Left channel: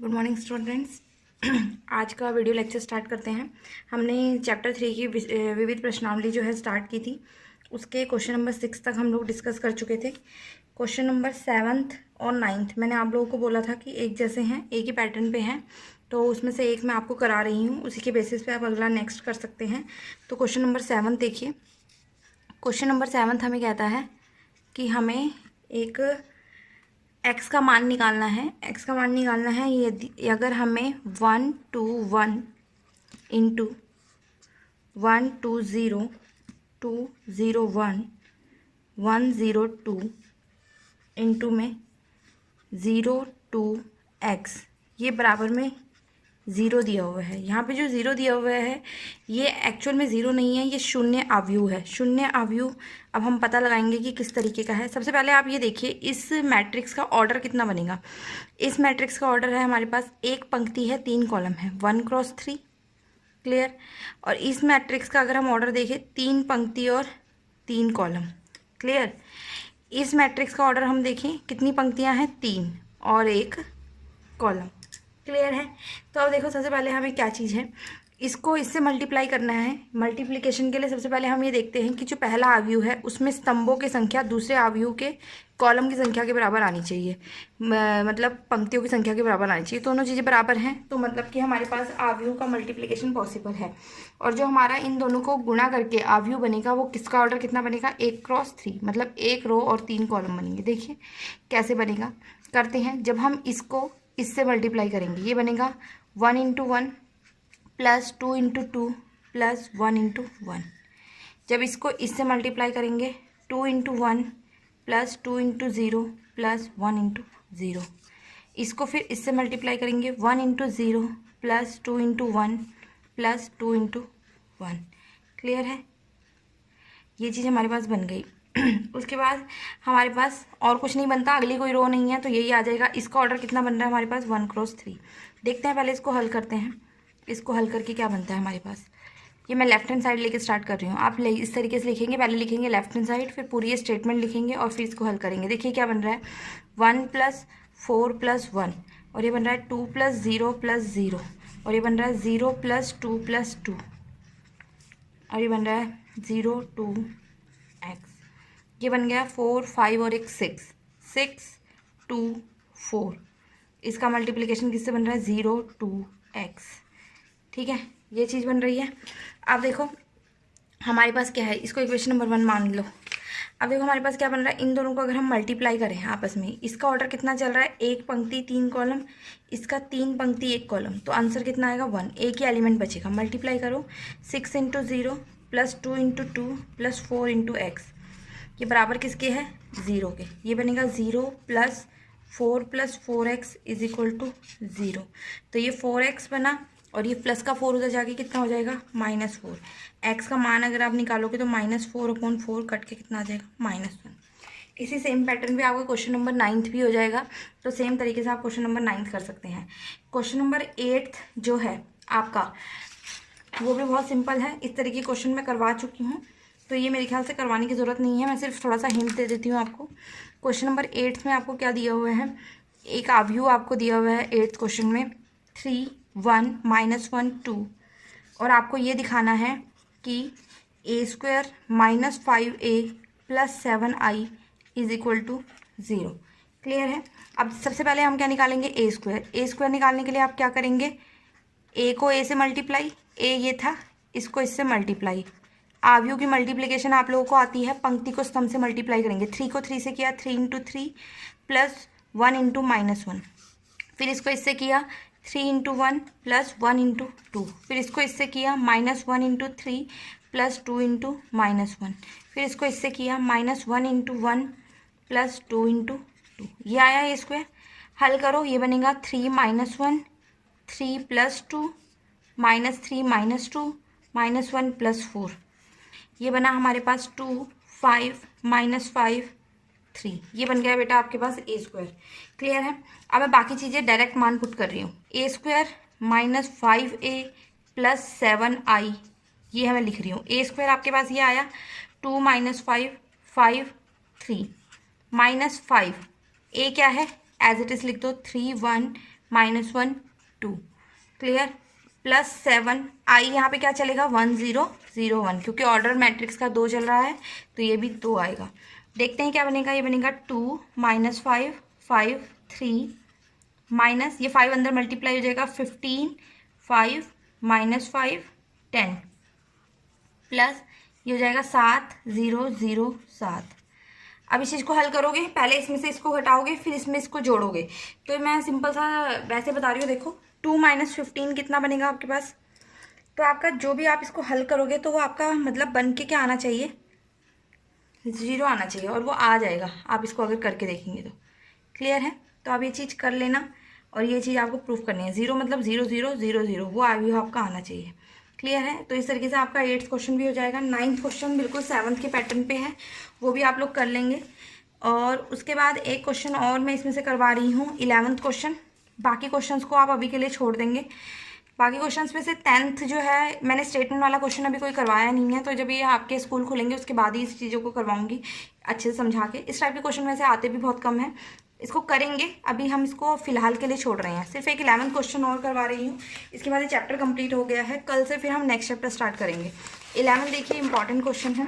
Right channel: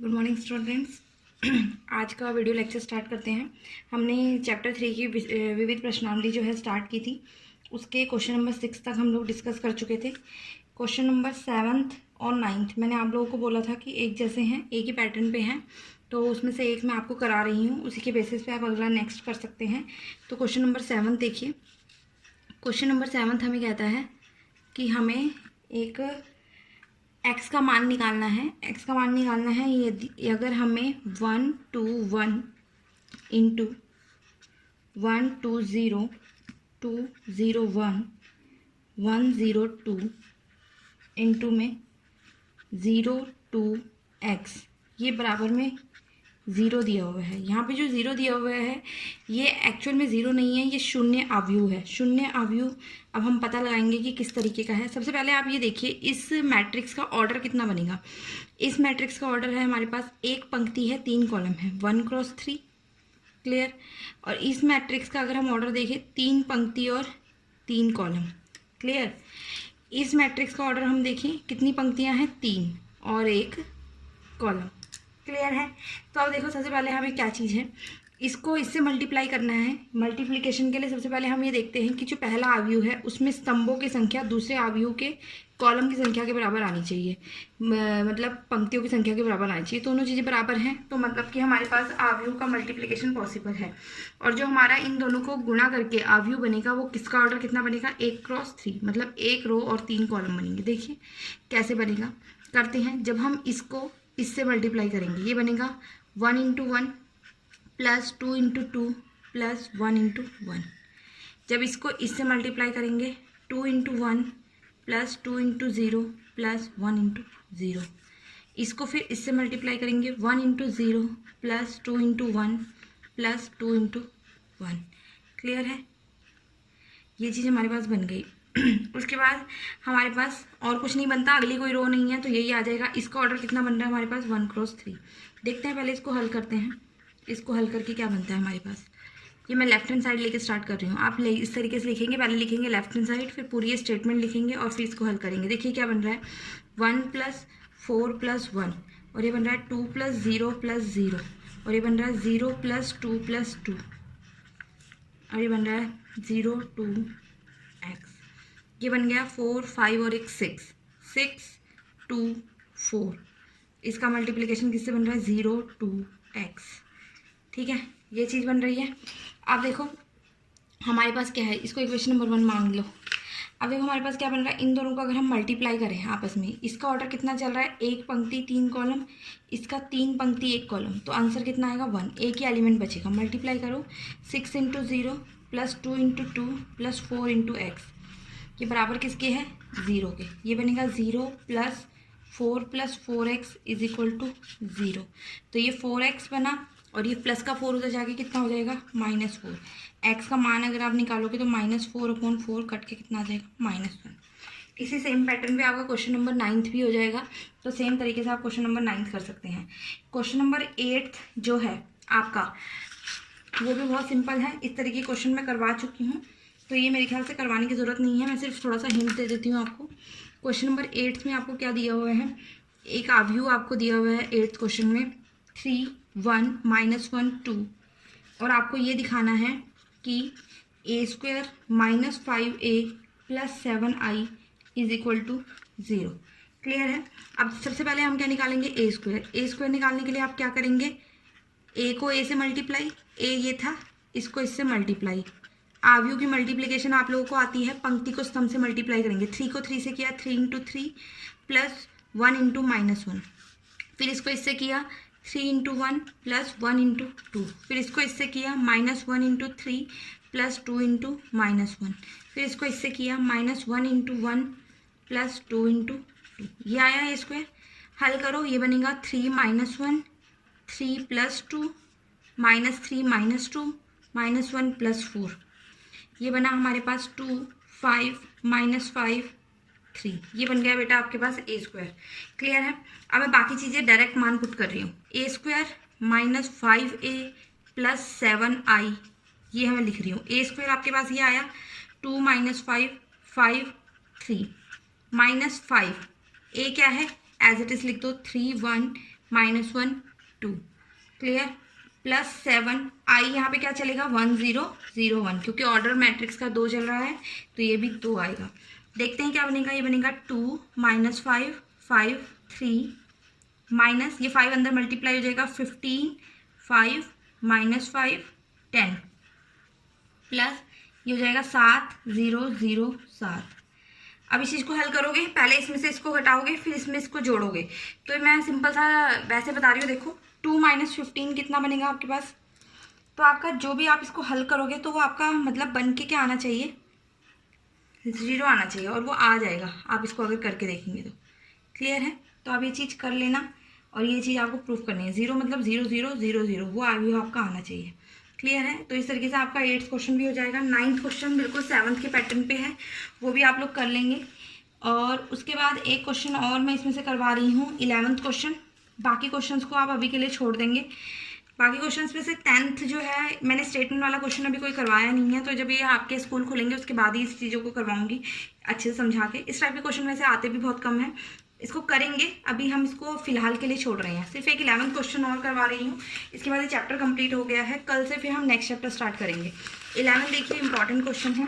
Good morning students. आज का video lecture start करते हैं। हमने चैप्टर 3 की विविध प्रश्नावली जो है स्टार्ट की थी। उसके क्वेश्चन नंबर 6 तक हम लोग डिस्कस कर चुके थे। क्वेश्चन नंबर 7th और 9th मैंने आप लोगों को बोला था कि एक जैसे हैं, एक ही पैटर्न पे हैं, तो उसमें से एक मैं आपको करा रही हूँ, उसी के बेसिस पे आप अगला नेक्स्ट कर सकते हैं। तो क्वेश्चन नंबर 7 देखिए। क्वेश्चन नंबर 7 हमें कहता है कि हमें एक एक्स का मान निकालना है। एक्स का मान निकालना है यदि अगर हमें 1 2 1 इंटू 1 2 0 2 0 1 1 0 2 इंटू में 0 2 एक्स ये बराबर में ज़ीरो दिया हुआ है। यहाँ पे जो ज़ीरो दिया हुआ है ये एक्चुअल में ज़ीरो नहीं है, ये शून्य आव्यूह है। शून्य आव्यूह अब हम पता लगाएंगे कि किस तरीके का है। सबसे पहले आप ये देखिए इस मैट्रिक्स का ऑर्डर कितना बनेगा। इस मैट्रिक्स का ऑर्डर है हमारे पास, एक पंक्ति है, 3 कॉलम है, 1 क्रॉस 3, क्लियर। और इस मैट्रिक्स का अगर हम ऑर्डर देखें, 3 पंक्ति और 3 कॉलम, क्लियर। इस मैट्रिक्स का ऑर्डर हम देखें, कितनी पंक्तियाँ हैं, 3 और 1 कॉलम, क्लियर है। तो अब देखो सबसे पहले हमें क्या चीज़ है, इसको इससे मल्टीप्लाई करना है। मल्टीप्लिकेशन के लिए सबसे पहले हम ये देखते हैं कि जो पहला आव्यूह है उसमें स्तंभों की संख्या दूसरे आव्यूह के कॉलम की संख्या के बराबर आनी चाहिए, मतलब पंक्तियों की संख्या के बराबर आनी चाहिए। दोनों चीज़ें बराबर हैं तो मतलब कि हमारे पास आव्यूह का मल्टीप्लिकेशन पॉसिबल है। और जो हमारा इन दोनों को गुणा करके आव्यूह बनेगा वो किसका ऑर्डर कितना बनेगा, 1 क्रॉस 3, मतलब 1 रो और 3 कॉलम बनेंगे। देखिए कैसे बनेगा, करते हैं। जब हम इसको इससे मल्टीप्लाई करेंगे ये बनेगा 1 into 1 plus 2 into 2 plus 1 into 1। जब इसको इससे मल्टीप्लाई करेंगे 2 into 1 plus 2 into 0 plus 1 into 0। इसको फिर इससे मल्टीप्लाई करेंगे 1 into 0 plus 2 into 1 plus 2 into 1, clear है। ये चीज़ हमारे पास बन गई। उसके बाद हमारे पास और कुछ नहीं बनता, अगली कोई रो नहीं है तो यही आ जाएगा। इसका ऑर्डर कितना बन रहा है हमारे पास, 1 क्रॉस 3। देखते हैं, पहले इसको हल करते हैं। इसको हल करके क्या बनता है हमारे पास, ये मैं लेफ्ट हैंड साइड लेके स्टार्ट कर रही हूँ। आप इस तरीके से लिखेंगे, पहले लिखेंगे लेफ्ट हैंड साइड, फिर पूरी ये स्टेटमेंट लिखेंगे और फिर इसको हल करेंगे। देखिए क्या बन रहा है, 1 प्लस 4 प्लस 1, और ये बन रहा है 2 प्लस 0 प्लस 0, और ये बन रहा है 0 प्लस 2 प्लस 2, और ये बन रहा है 0 2 एक्स। ये बन गया 4 5 और एक 6 6 2 4। इसका मल्टीप्लिकेशन किससे बन रहा है, 0 2 एक्स, ठीक है। ये चीज़ बन रही है। अब देखो हमारे पास क्या है, इसको इक्वेशन नंबर 1 मान लो। अब देखो हमारे पास क्या बन रहा है, इन दोनों को अगर हम मल्टीप्लाई करें आपस में, इसका ऑर्डर कितना चल रहा है, 1 पंक्ति 3 कॉलम, इसका 3 पंक्ति 1 कॉलम, तो आंसर कितना आएगा 1। एक ही एलिमेंट बचेगा, मल्टीप्लाई करो 6 into 0 plus 2 into 2 plus 4 into x, ये बराबर किसके है, 0 के। ये बनेगा 0 plus 4 plus 4x is equal to 0। तो ये 4x बना और ये प्लस का 4 उधर जाके कितना हो जाएगा, -4। x का मान अगर आप निकालोगे तो -4/4 कट के कितना आ जाएगा, -1। इसी सेम पैटर्न पे आपका क्वेश्चन नंबर 9th भी हो जाएगा। तो सेम तरीके से आप क्वेश्चन नंबर 9th कर सकते हैं। क्वेश्चन नंबर 8th जो है आपका वो भी बहुत सिंपल है। इस तरीके के क्वेश्चन मैं करवा चुकी हूँ तो ये मेरे ख्याल से करवाने की ज़रूरत नहीं है, मैं सिर्फ थोड़ा सा हिंट दे देती हूँ आपको। क्वेश्चन नंबर 8 में आपको क्या दिया हुआ है, एक आव्यूह आपको दिया हुआ है 8th क्वेश्चन में, 3 1 -1 2, और आपको ये दिखाना है कि a² - 5a + 7i is equal to 0, clear है। अब सबसे पहले हम क्या निकालेंगे, a² निकालने के लिए आप क्या करेंगे, a को a से मल्टीप्लाई, a ये था, इसको इससे मल्टीप्लाई। आव्यूह की मल्टीप्लिकेशन आप लोगों को आती है, पंक्ति को स्तंभ से मल्टीप्लाई करेंगे। 3 को 3 से किया, 3 इंटू 3 प्लस 1 इंटू -1, फिर इसको इससे किया 3 इंटू 1 प्लस 1 इंटू 2, फिर इसको इससे किया -1 इंटू 3 प्लस 2 इंटू -1, फिर इसको इससे किया -1 इंटू 1 प्लस 2 इंटू 2। ये आया ये स्क्वायर, हल करो, ये बनेगा 3 -1 3 प्लस 2 -3 -2 -1 प्लस 4। ये बना हमारे पास 2 5 -5 3। ये बन गया बेटा आपके पास a², क्लियर है। अब मैं बाकी चीज़ें डायरेक्ट मान पुट कर रही हूँ, a² - 5a + 7i, ये मैं लिख रही हूँ। a² आपके पास ये आया 2 - 5 5 3 -5, a क्या है, एज इट इज लिख दो 3 1 -1 2, क्लियर, +7 i यहाँ पे क्या चलेगा 1 0 0 1, क्योंकि ऑर्डर मैट्रिक्स का 2 चल रहा है तो ये भी 2 आएगा। देखते हैं क्या बनेगा, ये बनेगा 2 -5 5 3 माइनस ये 5 अंदर मल्टीप्लाई हो जाएगा 15 5 -5 10 प्लस ये हो जाएगा 7 0 0 7। अब इस चीज़ को हल करोगे, पहले इसमें से इसको घटाओगे फिर इसमें इसको जोड़ोगे। तो मैं सिंपल सा वैसे बता रही हूँ, देखो 2 - 15 कितना बनेगा आपके पास। तो आपका जो भी आप इसको हल करोगे तो वो आपका मतलब बन के क्या आना चाहिए, 0 आना चाहिए, और वो आ जाएगा आप इसको अगर करके देखेंगे तो। क्लियर है, तो आप ये चीज़ कर लेना और ये चीज़ आपको प्रूफ करनी है। 0 मतलब 0 0 0 0, वो आयु आपका आना चाहिए। क्लियर है, तो इस तरीके से आपका 8th क्वेश्चन भी हो जाएगा। 9th क्वेश्चन बिल्कुल 7th के पैटर्न पे है, वो भी आप लोग कर लेंगे। और उसके बाद एक क्वेश्चन और मैं इसमें से करवा रही हूँ 11th क्वेश्चन। बाकी क्वेश्चंस को आप अभी के लिए छोड़ देंगे। बाकी क्वेश्चंस में से 10th जो है मैंने स्टेटमेंट वाला क्वेश्चन अभी कोई करवाया नहीं है, तो जब ये आपके स्कूल खुलेंगे उसके बाद ही इस चीज़ों को करवाऊंगी अच्छे से समझा के। इस टाइप के क्वेश्चन वैसे आते भी बहुत कम है, इसको करेंगे। अभी हम इसको फिलहाल के लिए छोड़ रहे हैं, सिर्फ एक 11th क्वेश्चन और करवा रही हूँ, इसके बाद चैप्टर कंप्लीट हो गया है। कल से फिर हम नेक्स्ट चैप्टर स्टार्ट करेंगे। 11 देखिए इंपॉर्टेंट क्वेश्चन है।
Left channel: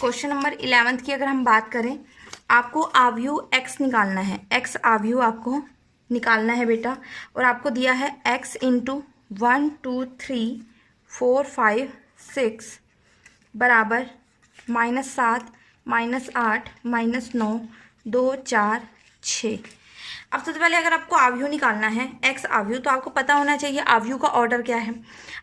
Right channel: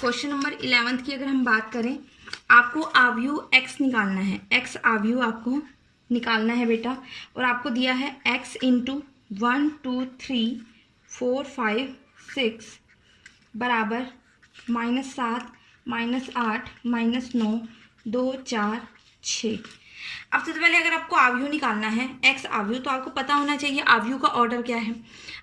क्वेश्चन नंबर 11 की अगर हम बात करें, आपको आव्यूह x निकालना है। x आव्यूह आपको निकालना है बेटा, और आपको दिया है x × 1 2 3 4 5 6 बराबर -7 -8 -9 2 4 6। अब सबसे पहले अगर आपको आव्यूह निकालना है x आव्यूह, तो आपको पता होना चाहिए आव्यूह का ऑर्डर क्या है।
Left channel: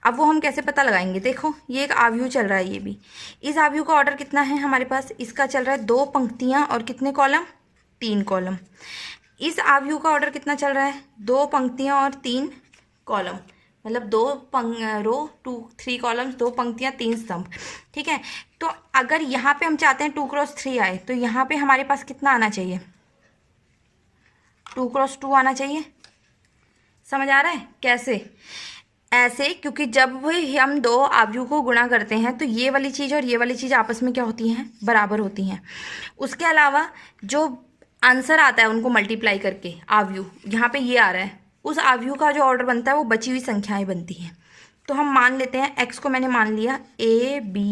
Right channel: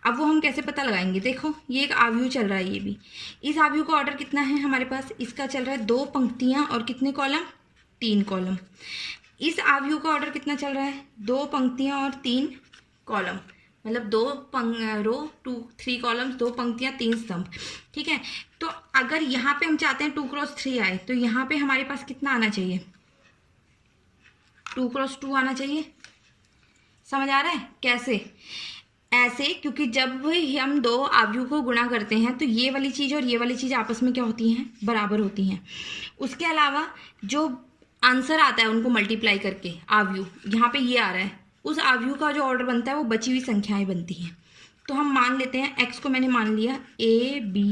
अब वो हम कैसे पता लगाएंगे, देखो ये एक आव्यूह चल रहा है, ये भी इस आव्यूह का ऑर्डर कितना है हमारे पास, इसका चल रहा है 2 पंक्तियां और कितने कॉलम, 3 कॉलम। इस आव्यूह का ऑर्डर कितना चल रहा है, 2 पंक्तियां और 3 कॉलम, मतलब 2 रो 2 3 कॉलम्स, 2 पंक्तियां 3 स्तंभ। ठीक है, तो अगर यहाँ पे हम चाहते हैं 2 × 3 आए, तो यहाँ पे हमारे पास कितना आना चाहिए, 2 × 2 आना चाहिए। समझ आ रहा है कैसे, ऐसे, क्योंकि जब भी हम 2 आव्यूह को गुणा करते हैं तो ये वाली चीज़ और ये वाली चीज़ आपस में क्या होती हैं, बराबर होती हैं। उसके अलावा जो आंसर आता है उनको मल्टीप्लाई करके आव्यूह, यहाँ पे ये आ रहा है, उस आव्यूह का जो ऑर्डर बनता है वो बची हुई संख्याएं बनती हैं। तो हम मान लेते हैं x को मैंने मान लिया a b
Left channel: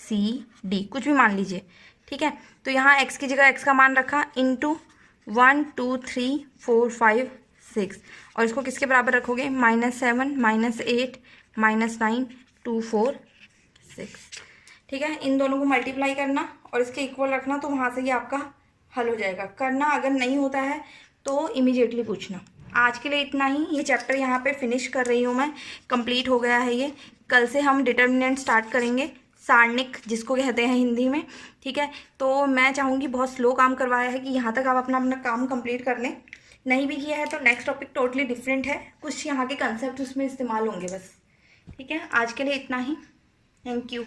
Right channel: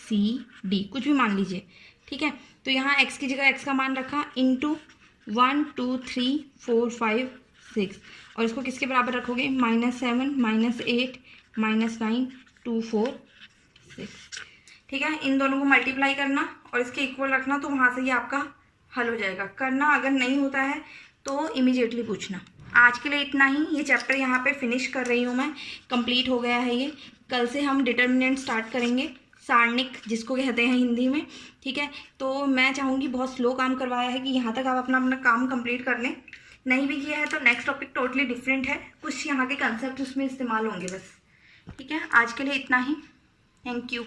c d, कुछ भी मान लीजिए। ठीक है, तो यहाँ x की जगह x का मान रखा × 1 2 3 4 5 6, और इसको किसके बराबर रखोगे, -7 -8 -9 2 4 6। ठीक है, इन दोनों को मल्टीप्लाई करना और इसके इक्वल रखना, तो वहाँ से ये आपका हल हो जाएगा। करना अगर नहीं होता है तो इमीडिएटली पूछना। आज के लिए इतना ही, ये चैप्टर यहाँ पे फिनिश कर रही हूँ मैं, कंप्लीट हो गया है ये। कल से हम डिटर्मिनेंट स्टार्ट करेंगे, सारणिक जिसको कहते हैं हिंदी में। ठीक है, तो मैं चाहूँगी, बहुत स्लो काम करवाया है कि यहाँ तक आप अपना अपना काम कंप्लीट कर लें। नहीं भी किया है तो नेक्स्ट टॉपिक टोटली डिफरेंट है, कुछ यहाँ के कंसेप्ट उसमें इस्तेमाल होंगे बस। ठीक है, आज के लिए इतना ही, थैंक यू।